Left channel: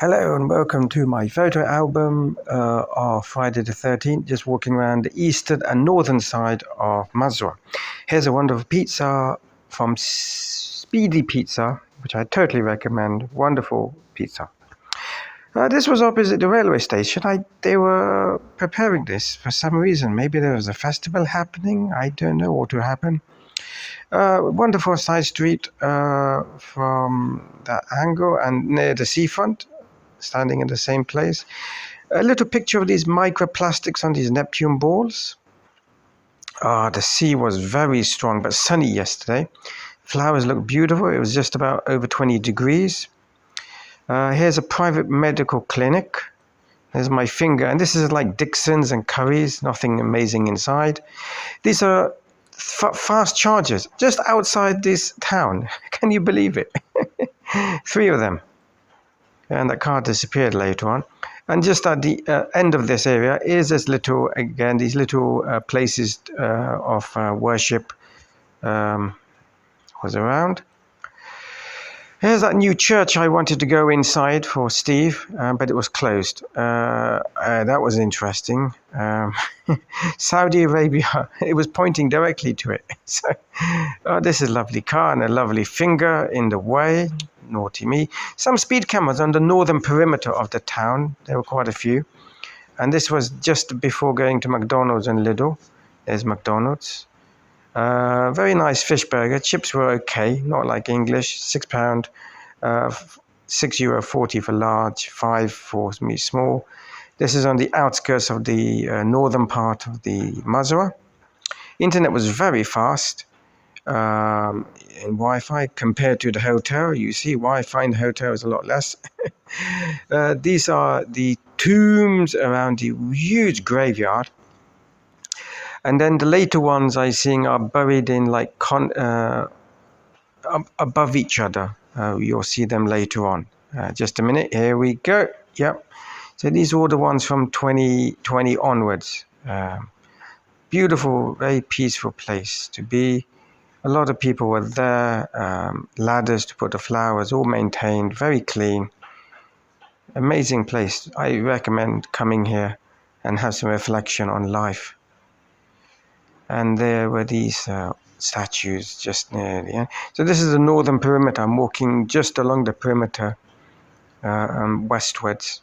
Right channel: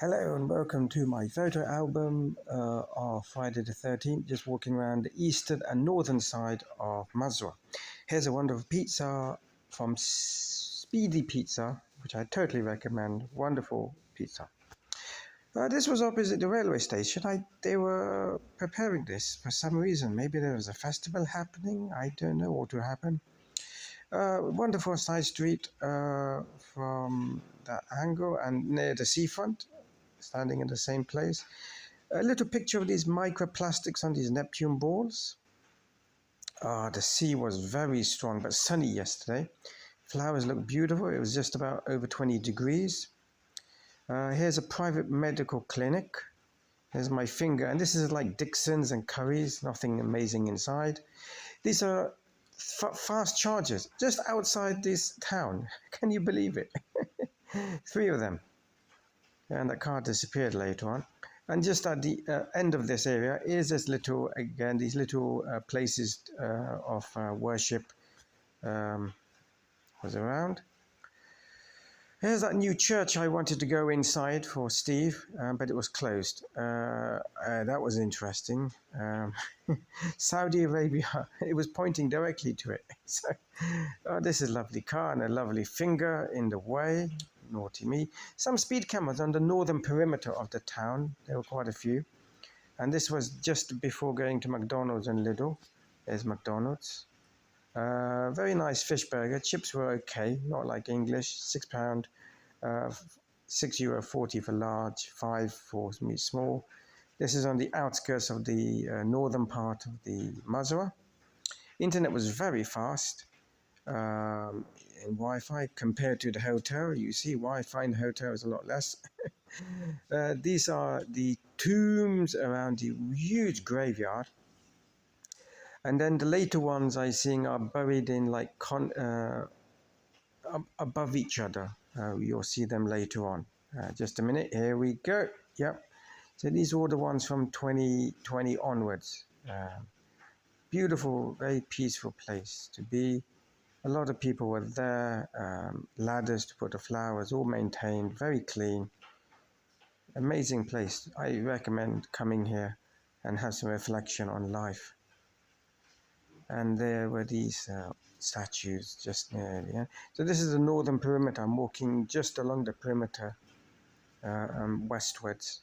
Hello and welcome to my photo album of Friday the 13th, just walking around the eastern and northern side of Mazara. Here's a wonderful pizza from Speedy Pizza, which I totally recommend. Wonderful pizza. This was opposite the railway station. They were preparing this for some reason. Maybe there was a festival happening. I don't know what will happen. Wonderful side street from that angle and near the seafront, standing in the same place. A little picture of these microplastics on these Neptune balls. The sea was very strong but sunny yesterday. Flowers look beautiful. It was just about over 20 degrees. Here's a private medical clinic. There's my finger, and this is like Dixon's and Curry's, nothing amazing inside. These are fast chargers just outside this town. Can you believe it? 3 of them. And that car disappeared later on. And just at the end of this area is this little, again, these little places of worship was around. Here's that new church I wanted to go inside for Steve, but it was closed. That was interesting. Saudi Arabia, it was pointing directly to it. So, this is a lovely car and a lovely finger in the way. Naughty me. Some speed cameras on the northern perimeter of the town. There were quite a few. And this was just before going to McDonald's and Lidl. There's McDonald's. Very nice fish burger. Chips were okay, not like English. £6, €6.40 for large, 5 for small. This is on the outskirts of the northern part of the Mazara. Internet was very fast in Wi-Fi compared to the hotel. You see, Wi-Fi in the hotel is a lot less. These are the tombs around the huge graveyard. And then the later ones I seeing are buried in like above each other. You'll see them later on. Just a minute. Here we go. Yep. So these are all the ones from 2020 onwards. Beautiful, very peaceful place to be. A lot of people were there. Ladders to put the flowers, all maintained, very clean. Amazing place. I recommend coming here and have some reflection on life. And there were these statues just near the end. So this is the northern perimeter. I'm walking just along the perimeter westwards.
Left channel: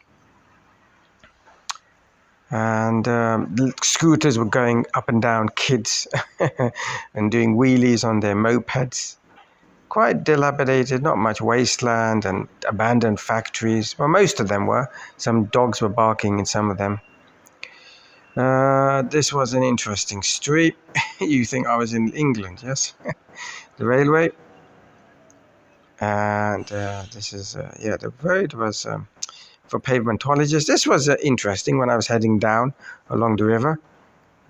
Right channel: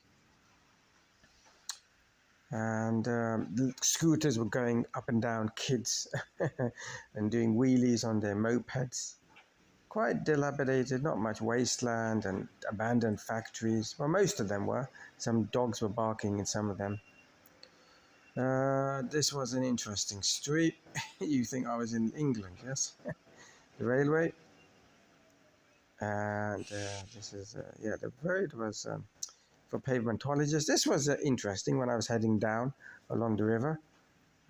And scooters were going up and down, kids, and doing wheelies on their mopeds. Quite dilapidated, not much wasteland and abandoned factories. Well, most of them were. Some dogs were barking in some of them. This was an interesting street. You think I was in England, yes? The railway. And this is, the road was for pavementologists. This was interesting when I was heading down along the river.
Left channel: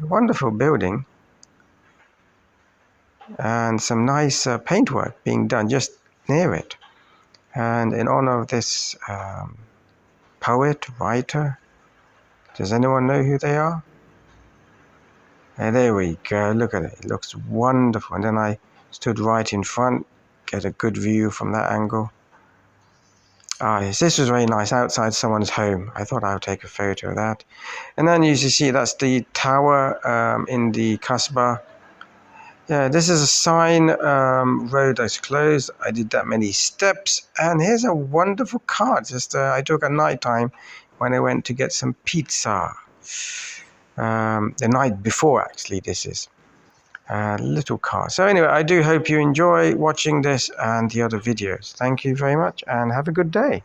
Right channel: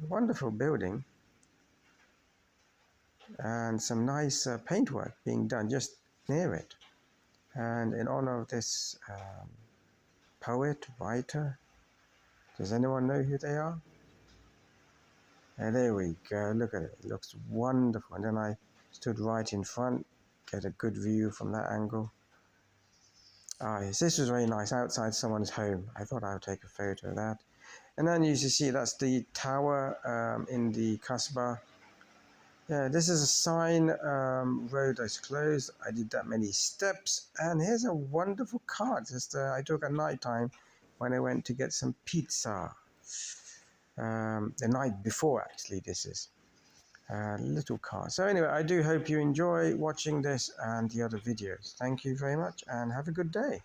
A wonderful building. And some nice paintwork being done just near it. And in honor of this poet, writer, does anyone know who they are? And there we go. Look at it. It looks wonderful. And then I stood right in front, get a good view from that angle. Yes, this was very nice outside someone's home. I thought I would take a photo of that. And then you see that's the tower in the Kasbah. Yeah, this is a sign, road that's closed. I did that many steps. And here's a wonderful car. Just I took at night time when I went to get some pizza. The night before, actually, this is a little car. So anyway, I do hope you enjoy watching this and the other videos. Thank you very much and have a good day.